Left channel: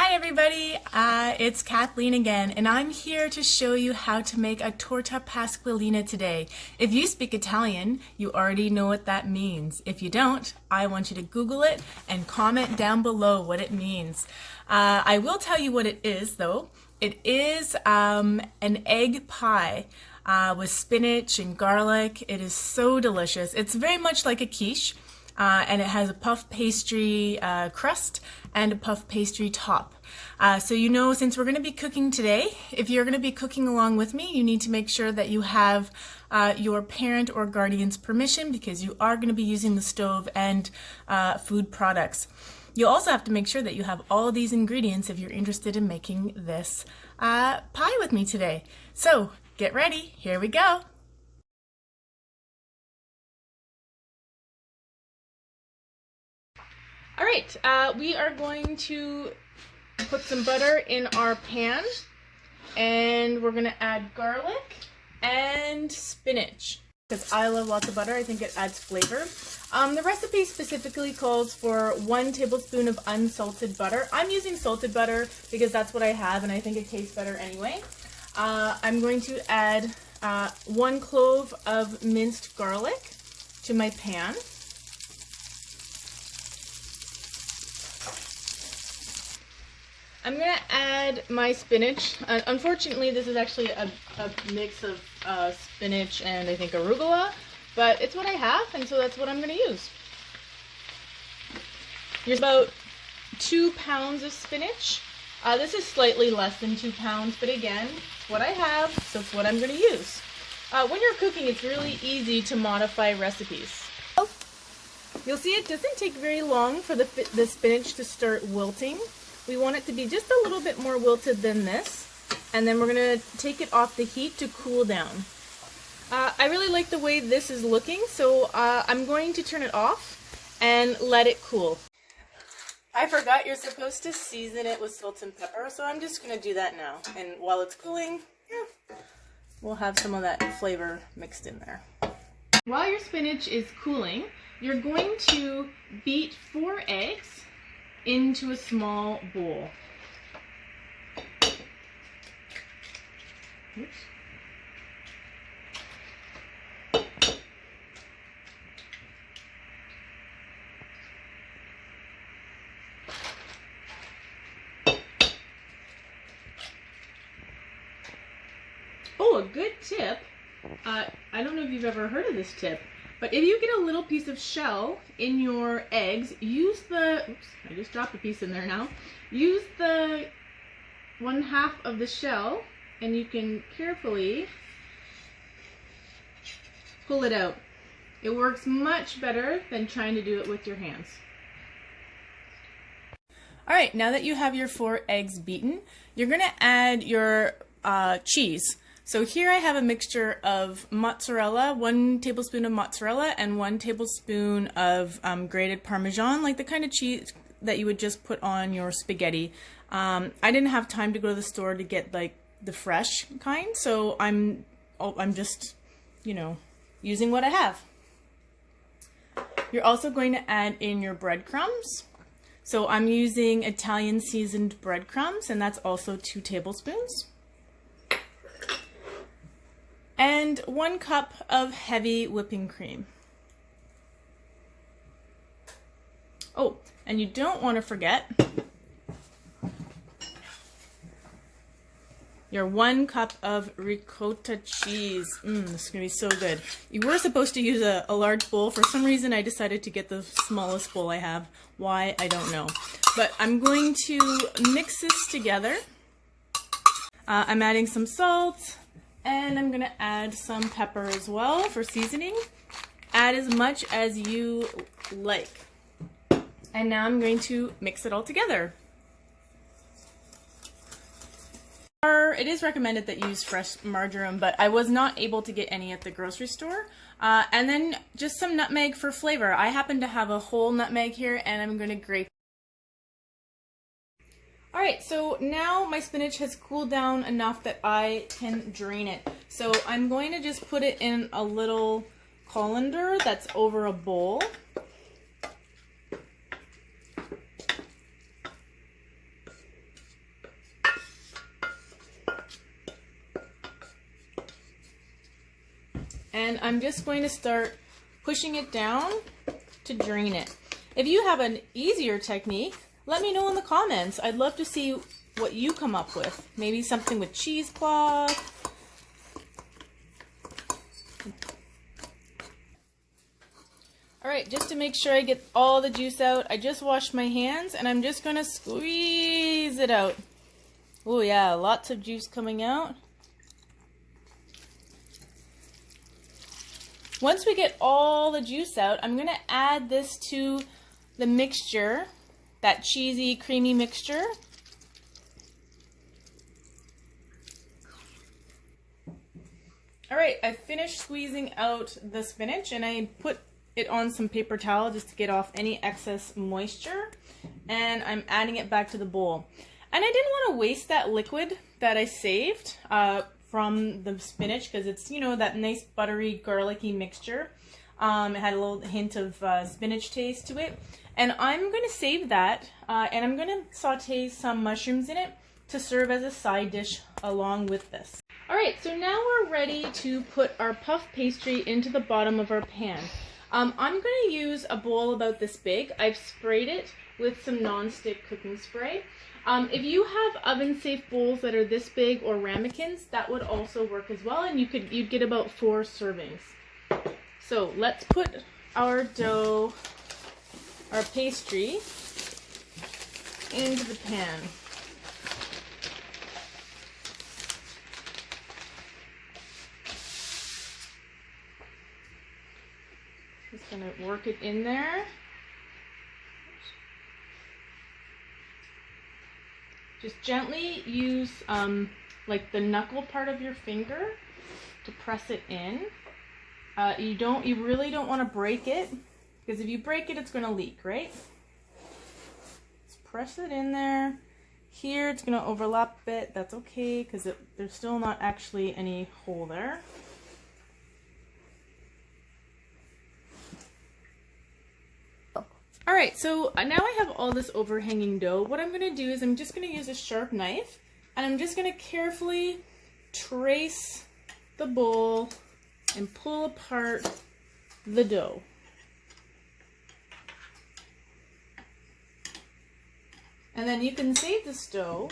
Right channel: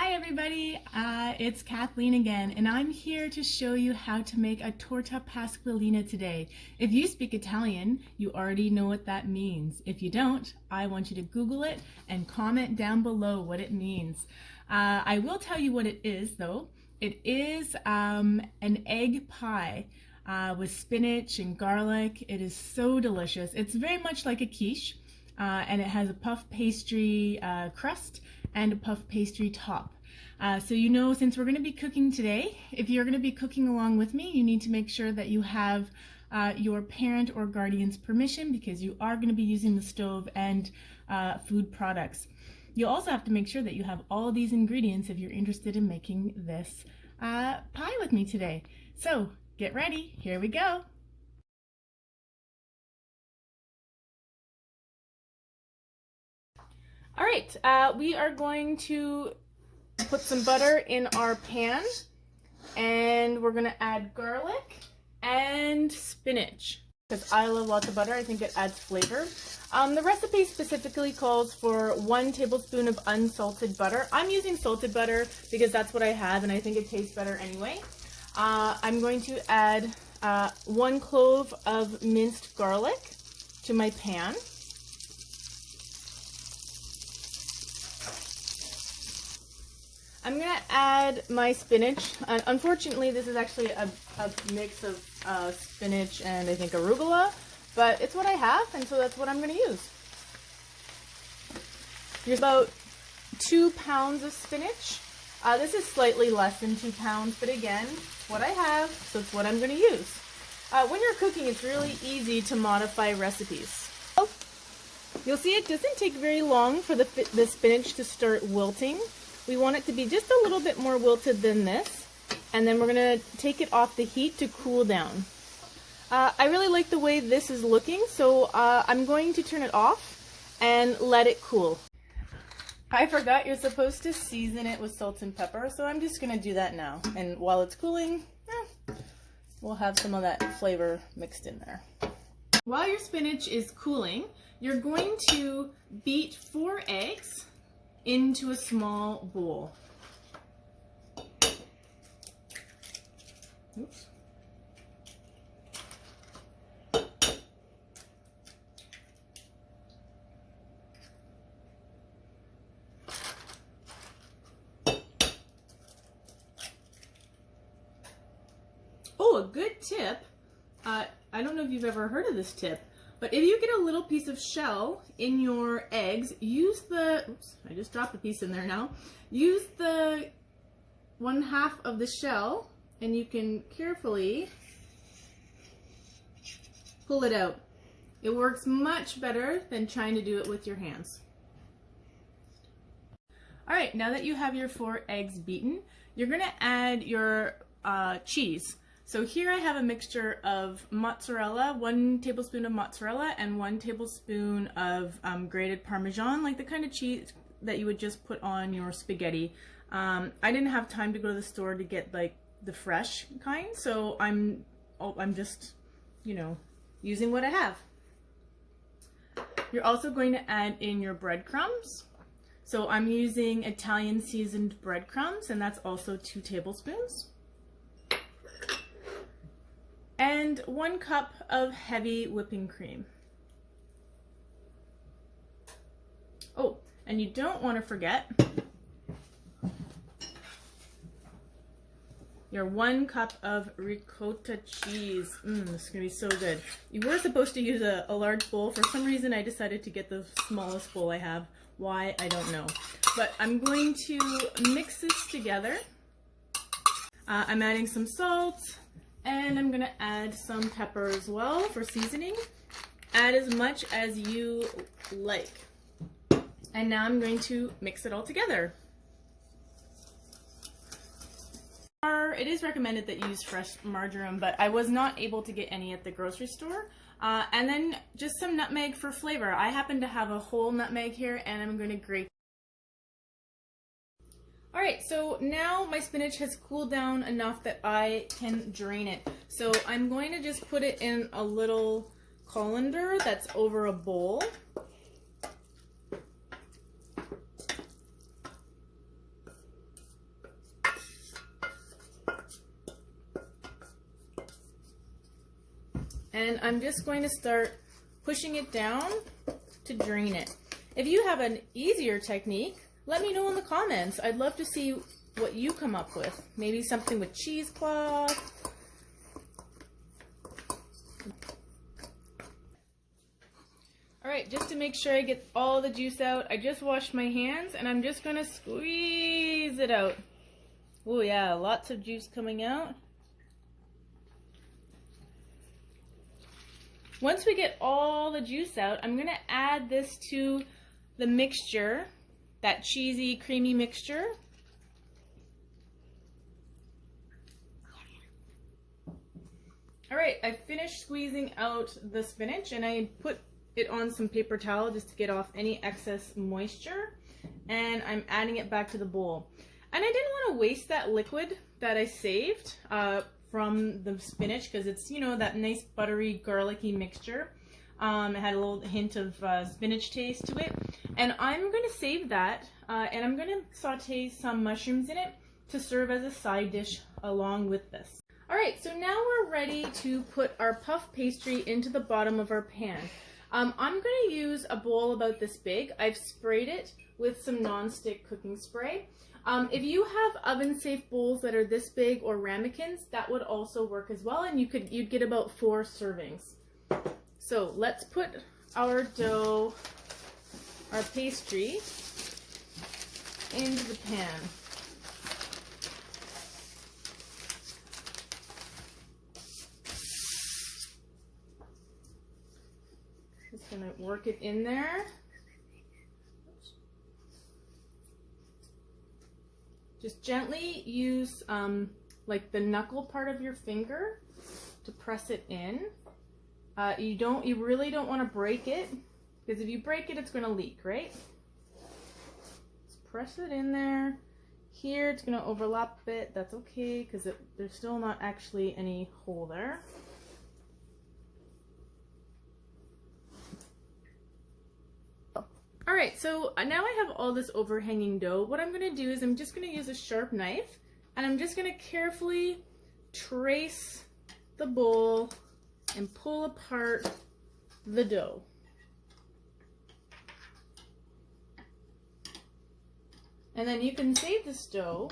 Hi everybody, it's Kathleen again, and I'm here to show you how to make a Torta Pasqualina today. If you speak Italian, you already know what that means. If you don't, I want you to Google it and comment down below what it means. I will tell you what it is though. It is an egg pie with spinach and garlic. It is so delicious. It's very much like a quiche. And it has a puff pastry crust and a puff pastry top. So you know, since we're going to be cooking today, if you're going to be cooking along with me, you need to make sure that you have your parent or guardian's permission, because you are going to be using the stove and food products. You'll also have to make sure that you have all of these ingredients if you're interested in making this pie with me today. So get ready, here we go. All right, we are going to put some butter in our pan, and we're gonna add garlic and spinach. Because I love lots of butter, I think it adds flavor. The recipe specifically calls for 1 tablespoon of unsalted butter. I'm using salted butter because that's what I have, and I think it tastes better anyway. I'm going to add 1 clove of minced garlic to my pan. I'm going to add my spinach. Unfortunately, this is actually a mix of spinach and I think arugula, but it's what I have, and so that's what I'm going to use. Here's about 2 pounds of spinach. This is slightly less than 2 pounds, but again, it's what I have, so it's what I'm going to use. When you're cooking, it's really easy to modify recipes. You'll see it doesn't take very long for the spinach to start wilting. We want it to be just a little bit more wilted than this, and then we're going to take it off the heat to cool down. I really like the way this is looking, so I'm going to turn it off and let it cool. I forgot you're supposed to season it with salt and pepper, so I'm just going to do that now. And while it's cooling, we'll have some of that flavor mixed in there. While your spinach is cooling, you're going to beat 4 eggs into a small bowl. Oops. Oh, a good tip. I don't know if you've ever heard of this tip, but if you get a little piece of shell in your eggs, use the, oops, I just dropped a piece in there now. Use the 1/2 of the shell, and you can carefully pull it out. It works much better than trying to do it with your hands. All right, now that you have your 4 eggs beaten, you're gonna add your cheese. So here I have a mixture of mozzarella, 1 tablespoon of mozzarella and 1 tablespoon of grated Parmesan, like the kind of cheese that you would just put on your spaghetti. I didn't have time to go to the store to get like the fresh kind, so I'm just, you know, using what I have. You're also going to add in your breadcrumbs. So I'm using Italian seasoned breadcrumbs, and that's also 2 tablespoons. And 1 cup of heavy whipping cream. Oh, and you don't want to forget your 1 cup of ricotta cheese. This is going to be so good. You were supposed to use a large bowl. For some reason, I decided to get the smallest bowl I have. Why, I don't know. But I'm going to mix this together. I'm adding some salt. And I'm going to add some pepper as well for seasoning. Add as much as you like. And now I'm going to mix it all together. It is recommended that you use fresh margarine, but I was not able to get any at the grocery store. And then just some nutmeg for flavor. I happen to have a whole nutmeg here, and I'm going to grate. Alright, so now my spinach has cooled down enough that I can drain it. So I'm going to just put it in a little colander that's over a bowl. And I'm just going to start pushing it down to drain it. If you have an easier technique, let me know in the comments. I'd love to see what you come up with. Maybe something with cheesecloth. All right, just to make sure I get all the juice out, I just washed my hands and I'm just gonna squeeze it out. Oh yeah, lots of juice coming out. Once we get all the juice out, I'm gonna add this to the mixture, that cheesy, creamy mixture. All right, I finished squeezing out the spinach and I put it on some paper towel just to get off any excess moisture, and I'm adding it back to the bowl. And I didn't want to waste that liquid that I saved from the spinach, because it's, you know, that nice buttery garlicky mixture. It had a little hint of spinach taste to it, and I'm going to save that and I'm going to saute some mushrooms in it to serve as a side dish along with this. Alright, so now we're ready to put our puff pastry into the bottom of our pan. I'm going to use a bowl about this big. I've sprayed it with some non-stick cooking spray. If you have oven-safe bowls that are this big or ramekins, that would also work as well, and you'd get about 4 servings. So let's put our dough, our pastry, into the pan. Just gonna work it in there. Just gently use like the knuckle part of your finger to press it in. You really don't want to break it, because if you break it, it's going to leak, right? Just press it in there. Here, it's going to overlap a bit. That's okay, because there's still not actually any hole there. Alright, so now I have all this overhanging dough. What I'm going to do is I'm just going to use a sharp knife, and I'm just going to carefully trace the bowl and pull apart the dough. And then you can save this dough,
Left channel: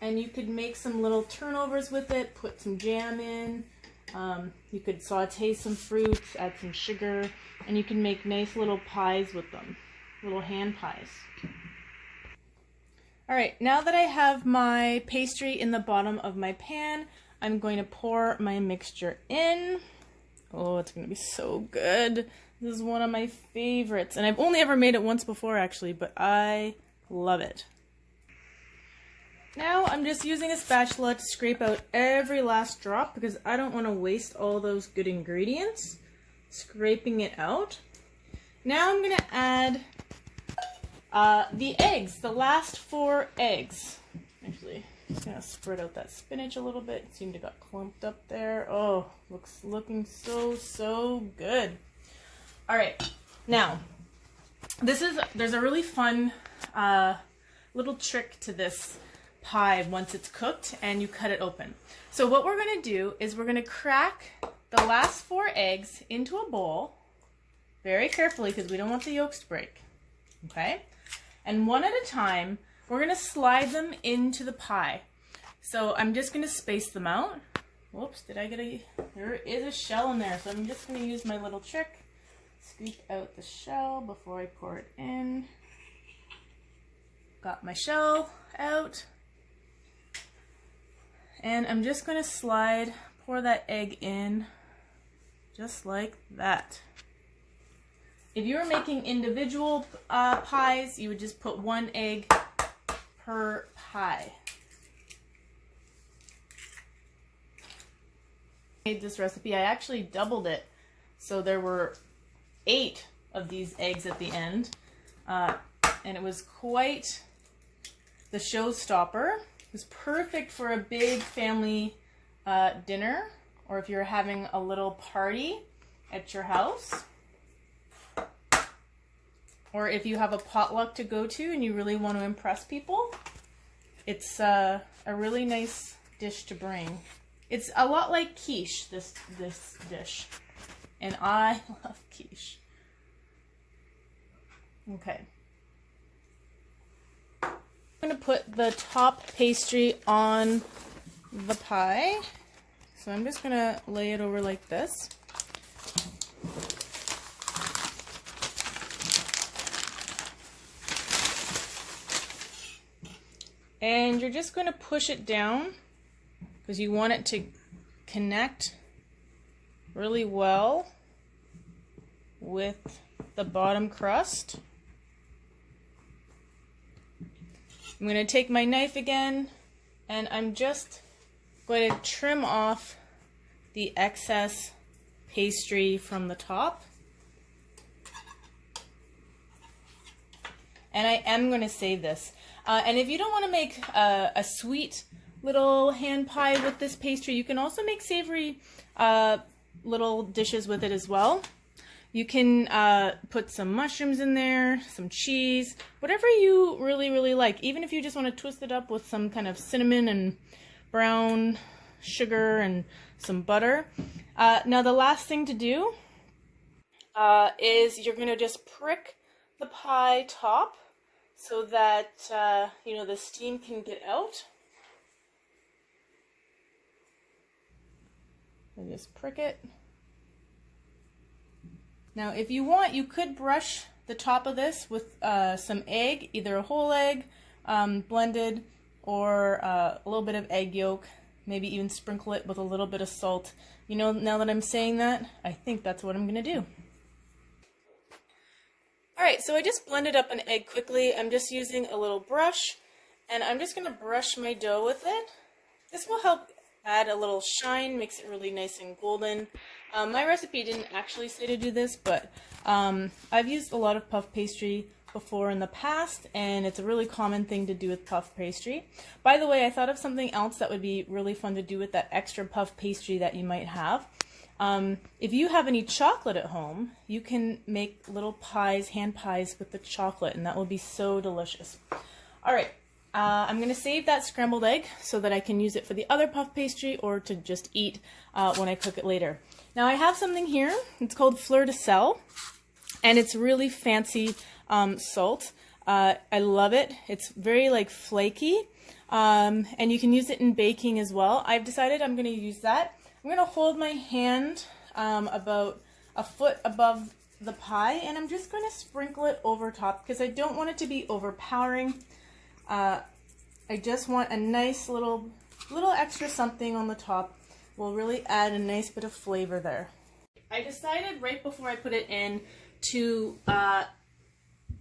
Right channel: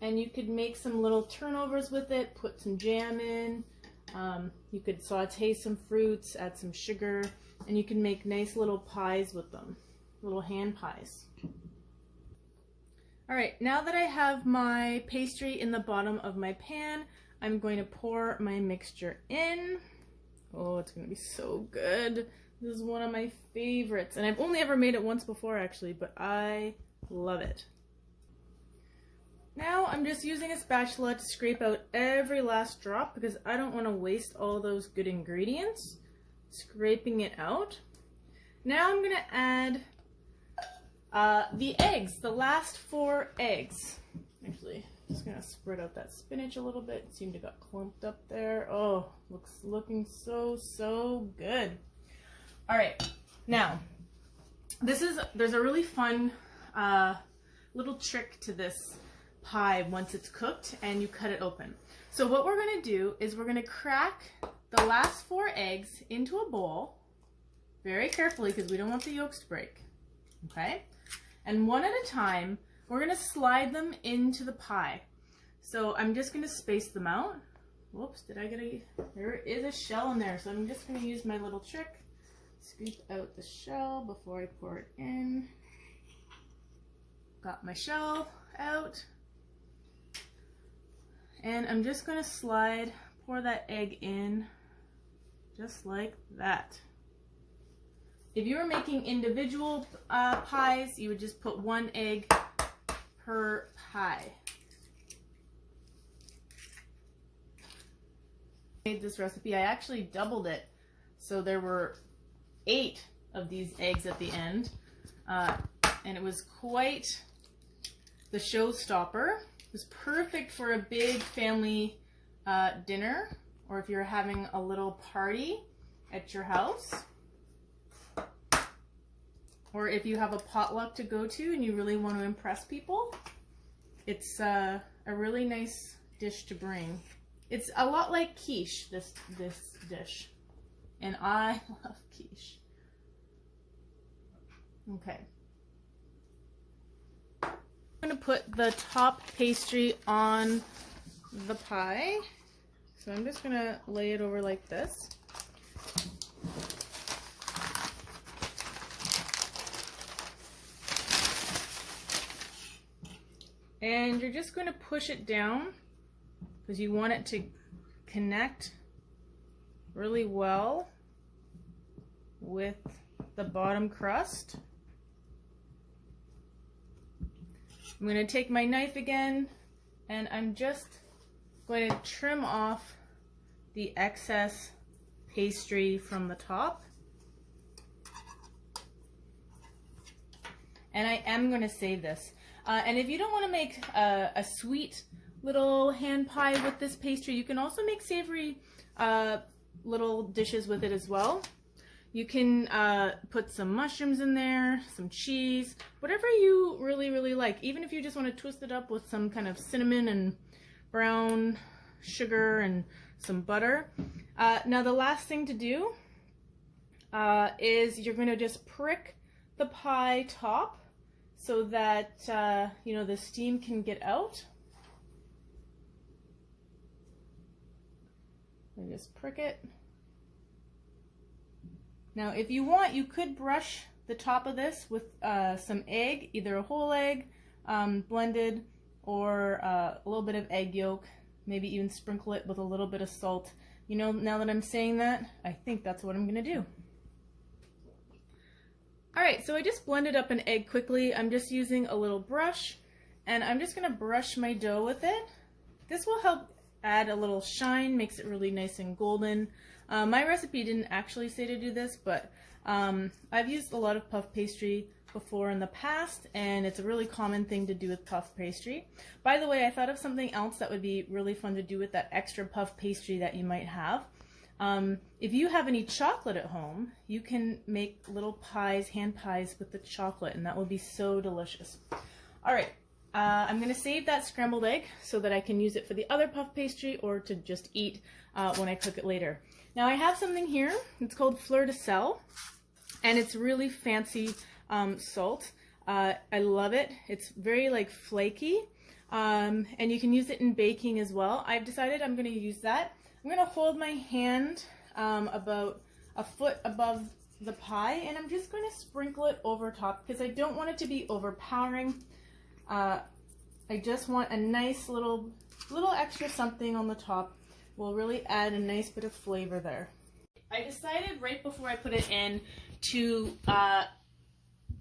and you could make some little turnovers with it, put some jam in, you could saute some fruits, add some sugar, and you can make nice little pies with them. Little hand pies. Alright, now that I have my pastry in the bottom of my pan, I'm going to pour my mixture in. Oh, it's going to be so good. This is one of my favorites, and I've only ever made it once before actually, but I love it. Now I'm just using a spatula to scrape out every last drop, because I don't want to waste all those good ingredients. Scraping it out. Now I'm going to add the eggs, the last 4 eggs. Actually, just gonna spread out that spinach a little bit. It seemed to got clumped up there. Oh, looking so good. All right, now there's a really fun little trick to this pie once it's cooked and you cut it open. So what we're gonna do is we're gonna crack the last 4 eggs into a bowl very carefully, because we don't want the yolks to break. Okay? And one at a time, we're going to slide them into the pie. So I'm just going to space them out. Whoops, there is a shell in there. So I'm just going to use my little trick. Scoop out the shell before I pour it in. Got my shell out. And I'm just going to pour that egg in just like that. If you were making individual pies, you would just put 1 egg per pie. I made this recipe, I actually doubled it. So there were 8 of these eggs at the end. And it was quite the showstopper. It was perfect for a big family dinner, or if you're having a little party at your house. Or if you have a potluck to go to and you really want to impress people, it's a really nice dish to bring. It's a lot like quiche, this dish. And I love quiche. Okay. I'm going to put the top pastry on the pie. So I'm just going to lay it over like this. And you're just going to push it down because you want it to connect really well with the bottom crust. I'm going to take my knife again and I'm just going to trim off the excess pastry from the top. And I am going to save this. And if you don't want to make a sweet little hand pie with this pastry, you can also make savory little dishes with it as well. You can put some mushrooms in there, some cheese, whatever you really like. Even if you just want to twist it up with some kind of cinnamon and brown sugar and some butter. Now the last thing to do is you're going to just prick the pie top so that you know, the steam can get out. And just prick it. Now if you want, you could brush the top of this with some egg, either a whole egg blended or a little bit of egg yolk, maybe even sprinkle it with a little bit of salt. You know, now that I'm saying that, I think that's what I'm gonna do. Alright, so I just blended up an egg quickly. I'm just using a little brush and I'm just gonna brush my dough with it. This will help add a little shine, makes it really nice and golden. My recipe didn't actually say to do this, but I've used a lot of puff pastry before in the past, and it's a really common thing to do with puff pastry. By the way, I thought of something else that would be really fun to do with that extra puff pastry that you might have. If you have any chocolate at home, you can make little pies, hand pies with the chocolate, and that will be so delicious. Alright, I'm going to save that scrambled egg so that I can use it for the other puff pastry or to just eat when I cook it later. Now I have something here, it's called fleur de sel, and it's really fancy salt. I love it. It's very like flaky, and you can use it in baking as well. I've decided I'm going to use that. I'm going to hold my hand about a foot above the pie, and I'm just going to sprinkle it over top because I don't want it to be overpowering. I just want a nice little extra something on the top. Will really add a nice bit of flavor there. I decided right before I put it in to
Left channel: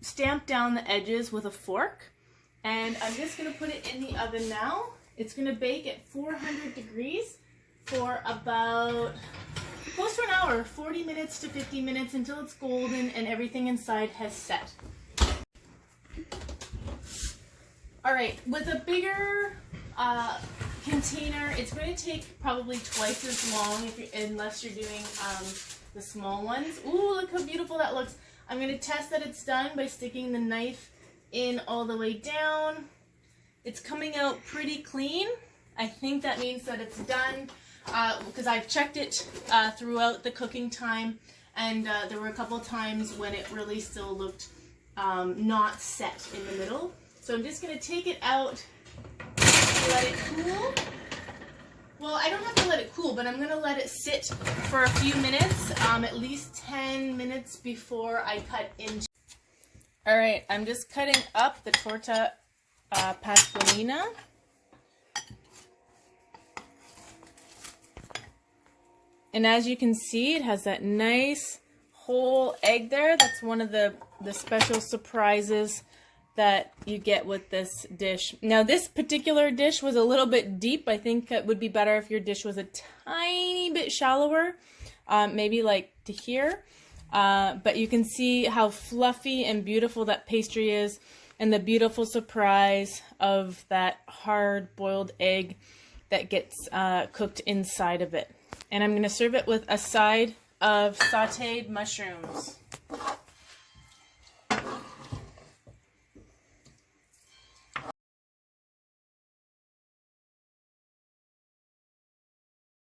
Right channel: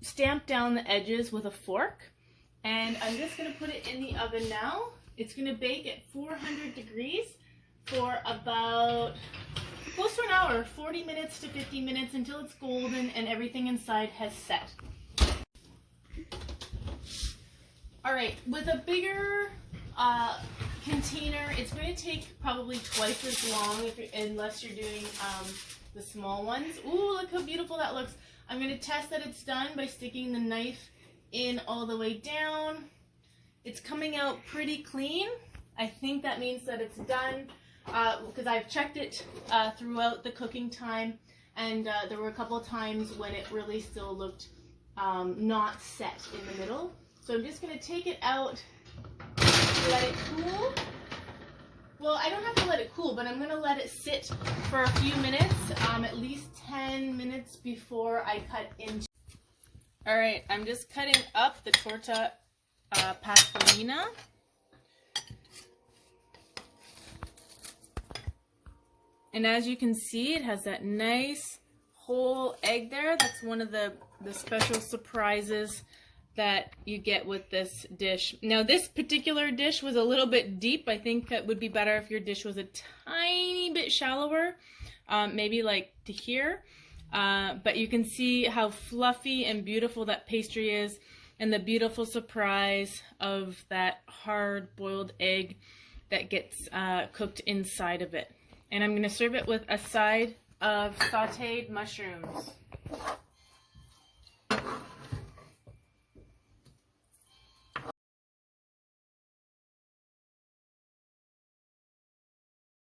stamp down the edges with a fork, and I'm just going to put it in the oven now. It's going to bake at 400 degrees for about close to an hour, 40 minutes to 50 minutes, until it's golden and everything inside has set. Alright, with a bigger container, it's going to take probably twice as long unless you're doing the small ones. Ooh, look how beautiful that looks. I'm going to test that it's done by sticking the knife in all the way down. It's coming out pretty clean. I think that means that it's done because I've checked it throughout the cooking time, and there were a couple times when it really still looked not set in the middle. So I'm just going to take it out, let it cool. Well, I don't have to let it cool, but I'm going to let it sit for a few minutes, at least 10 minutes before I cut into. Alright, I'm just cutting up the Torta Pasqualina. And as you can see, it has that nice whole egg there. That's one of the special surprises that you get with this dish. Now this particular dish was a little bit deep. I think it would be better if your dish was a tiny bit shallower, maybe like to here. But you can see how fluffy and beautiful that pastry is, and the beautiful surprise of that hard boiled egg that gets cooked inside of it. And I'm going to serve it with a side of sauteed mushrooms.